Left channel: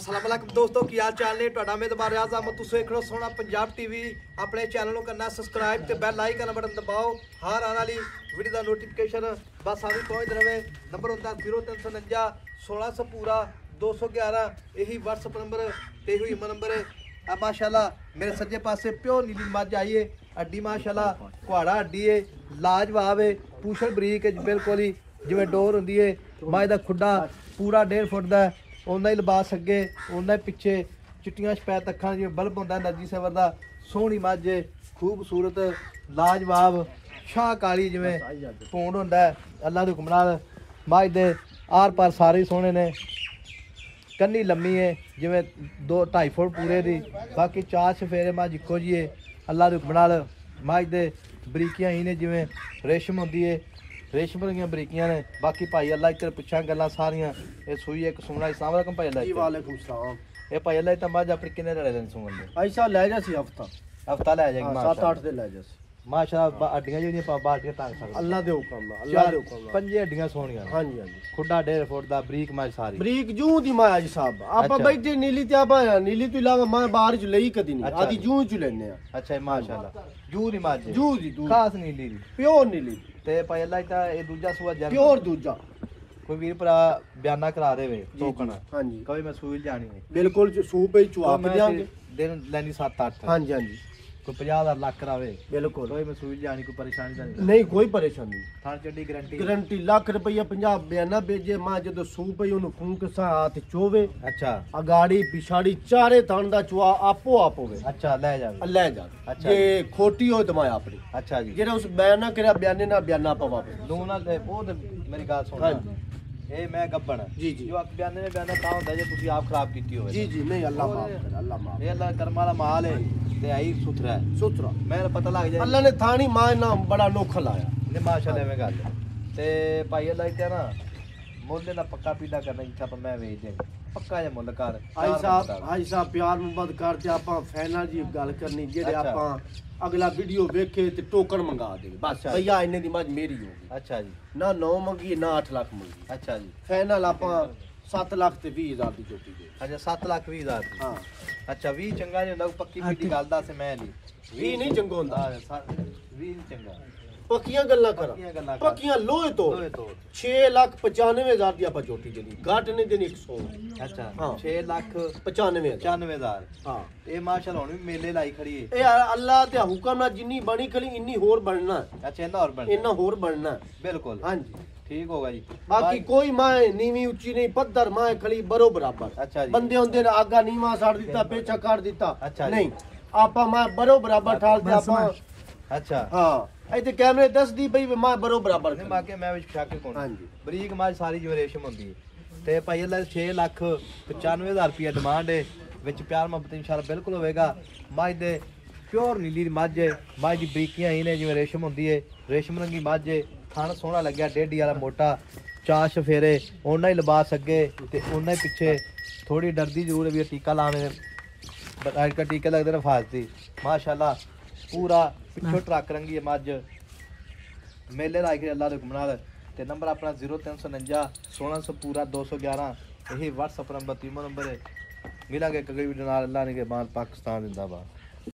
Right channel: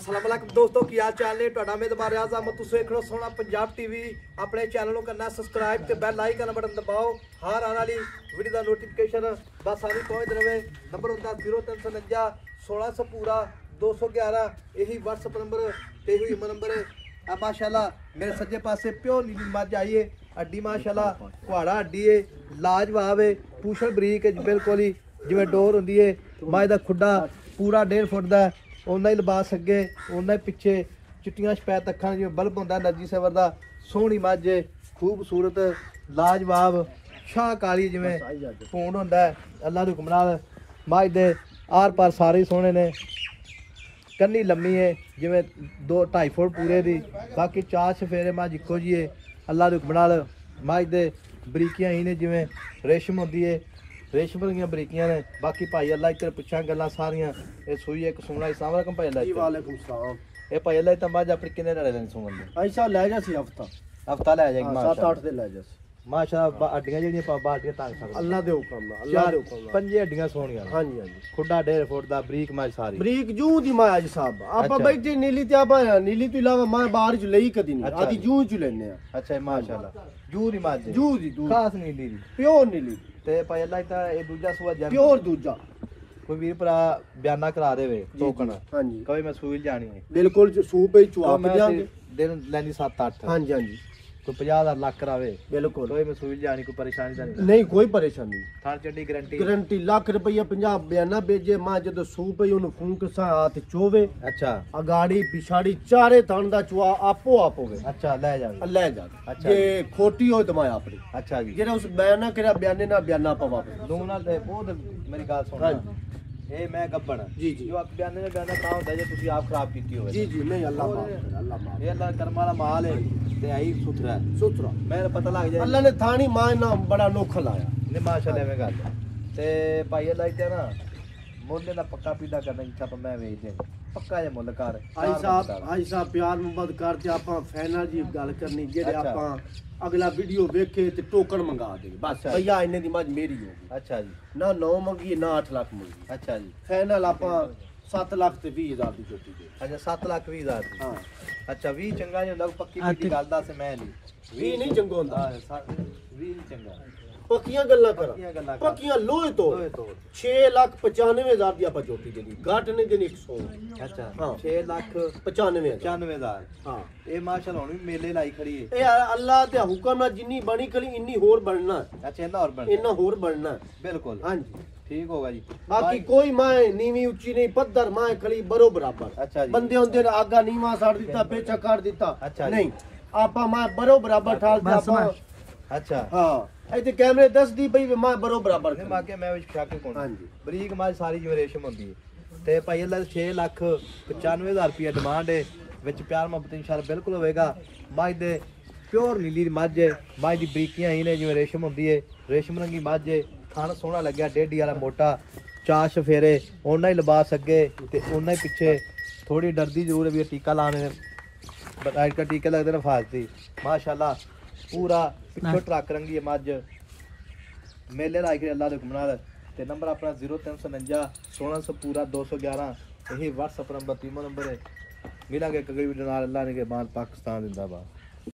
अस्सलाम वालेकुम दोस्तों की हाल चाल ने ਤੁਹਾਡਾ ਮੇਜ਼ਬਾਨ ਰਿਆਜ਼ ਅਹਿਮਦ ਤੁਸੀਂ ਵੇਖ ਰਹੇ ਸੋਹਣਾ ਪੰਜਾਬ ਟੀਵੀ ਆਪਣੇ ਚੈਨਲ ਨੂੰ ਕਰਨਾ ਸਬਸਕ੍ਰਾਈਬ ਤੇ ਬੈਲ ਆਈਕਨ ਬਟਨ ਦਬਾਓ ਹਰ ਆਉਣ ਵਾਲੀ ਵੀਡੀਓ ਦਾ ਨੋਟੀਫਿਕੇਸ਼ਨ ਬਸ ਆਵੀ ਪਹੁੰਚ ਰਵੇ ਨੰਬਰ ਹੁੰਦਾ 0349 1600 पूरा 211 यही WhatsApp नंबर ते हुई नंबर है माशाल्लाह मेरे सज्जे पासे प्योर नीली मझ आई है हड्डी माशाल्लाह कुहाड़ा हड्डी है लाजवाब है पूछल बरीक है बिल्कुल ही जिवें डोर हुंदी है मझ दा खुड्डा पूरा 1.5 फुट दा उन्ना ही लिबास अगे उन्ना ही पिछे चिट्टियां शपैत अखां जिवें बल्ब हुंदा नरजी सवर दा सोहनी मझ खूबसूरत लाजवाब शाह काली जिवें पूंड हुंदा अल्लाह दे हुक्म नाल मझ दे आर पार सारे सोहने ने कन्नी लम्मी है जिवें 2-2.5 फुट पूरे दी बाकी 4 सफेरे मझ इक्को जी है अल्लाह दे हुक्म नाल मझ दे बरीकियां ही ने जिवें रेशम हुंदी है रेशम दियां बरीकियां ने बाकी भाई अल्लाह इधर पुछां गल्लां सारियां ये सूई एक सुना अस्सलाम वालेकुम भाई अल्लाह जी वालेकुम सलाम ए भाई अल्लाह ता मझ अपने किन्ने लड़े दिन सुन दे ऐसा ले जा सी हफ्ता ले जाएगी माशाल्लाह 7-8 दिन ले जा माशाल्लाह हड्डियां जेहड़ियां बाल्टियां ताक सकदे अल्लाह दे हुक्म नाल अल्लाह दे हुक्म नाल पंजे हड्डियां सोहणियां हां जी हां जी खुड्डा 1.5 फुट दा बरीक मझ सारी बरीक जू दी मां आज साहब आपा बैठे नीली ते आपा नीली तो इलावा मां बाहर च लई कदी नहीं आदी जू च लेने आ अच्छा माशाल्लाह जू दी मझ जू दी खास नीली दी प्योर नीली ते भाई अल्लाह ता ए दूजा सुआ जब प्योर दूजा कोई वीर भरा बयाना करा देवे टोकन हां जी कोई मैं सूई जानी है बिल्कुल सूप ही चुआ के देंगे दिन लैनी 7-8 हां जी हां जी कोई 50,000 लाख करावे बिल्कुल कोई मैं सूई जानी कोई परेशानी नहीं नहीं कोई परेशानी नहीं थान चड्डी गारंटी लाख रुपया 50 बयाना भेजे मां जदों सूप ही उन्हें फूंक सा हाथ चोवे अच्छा अगाड़ी पिछाड़ी चारे थान दा चुआ आपो आप होवे अच्छा ले जावे अच्छा जे खोटी हो तो मां अपनी अच्छा जी जेड़ा उस बयाना करा बयाने ना बयाना पवा दो नाल ते बहुत मेरी बात सुन हां ए मैं गब्बन जी जी जो आप बयाने में बयाना काम होता है तुसी आप खराब कीती होवे जी जी नहीं अल्लाह माफ अल्लाह माफ ये अल्लाह कर्म वाला माल है ते आई सुथरा है सुथरा मेरा पता लग जाए अल्लाह ने थानी मां ना बड़ा नोखा लाया ने माशाल्लाह में गल ते भाई अल्लाह इते ना मोले दा पक्का पीड़ा करना इच्छा तो मैं वेच दे पक्का जे मुल कर आई साहब प्यार मोहब्बत करते आपा फाइनल जी गल करनी जेड़े आपा अगला वीडियो देखे ते टोकन मंगा दे बस भैया इन्ने दी मज मेरी होगी अच्छा जी ना 9 मंगी ना 8 लाख मंगी अच्छा जी फाइनल आपा 7 लाख ते 20,000 दी जोटी दे अच्छा 7,20,000 दी हां अच्छा 20 चंगा जे लग पक्की की गल दा से मैं नहीं 20 नहीं चंगा हुंदा 20 चंगा पक्कियां गल्लां कर पक्कियां लोहे तो 6,95,000 दी आपा जोटी देनी घाट नहीं देनी 100 अच्छा हां 6,95,000 हां ए माशाल्लाह हुन मेले लाई खड़ी है ए अल्लाह दे हुक्म नाल जिन्नी बनी खड़ी इन्नी होर बनना अच्छा इन्ना होर बनना बिल्कुल हां जी ठीक होगा जी बाकी कोई मां नीवी ऊंची नहीं पत्थर मां खड़ी बरो बराबर अच्छा जी बंदे होंदे ने आगा नीवा साड़ दिता पेचा काट दिता अच्छा नहीं आपा मां बरो बराबर ठाल दे आपा अच्छा हां इते कैमरे दस दी पई मां बरो बराबर ने मां के मैं विच शाके कोन हां जी बरीक मां सारी जो रेशम होंदी है ते भाई अल्लाह 6,95,000 रुपया डिमांड है विच प्यार मोहब्बत इंशाल्लाह बिल्कुल होएगा मां दे प्योर नीली मझ है मां दी बरीकियां ही ने जिवें रेशम होंदी है रेशम रंगी मझ है थान सोहना लगया डेढ़ी वाला मोटा 4 सफेरे ओना ही लिबास अगे ते ओना ही पिछे थोड़ी डरदी जरूर है टीका लाने आज का टीका लगदे ने फालती माशाल्लाह पूरा पिछो ट्रक रंगी है मझ मेले लाई के अल्लाह दे हुक्म नाल ते नंबर अपना 0349 1600 पूरा 211 यही WhatsApp नंबर 3 नंबर है मिलांगे अगली वीडियो नाल अल्लाह ने के बाद पाकिस्तान जिंदाबाद।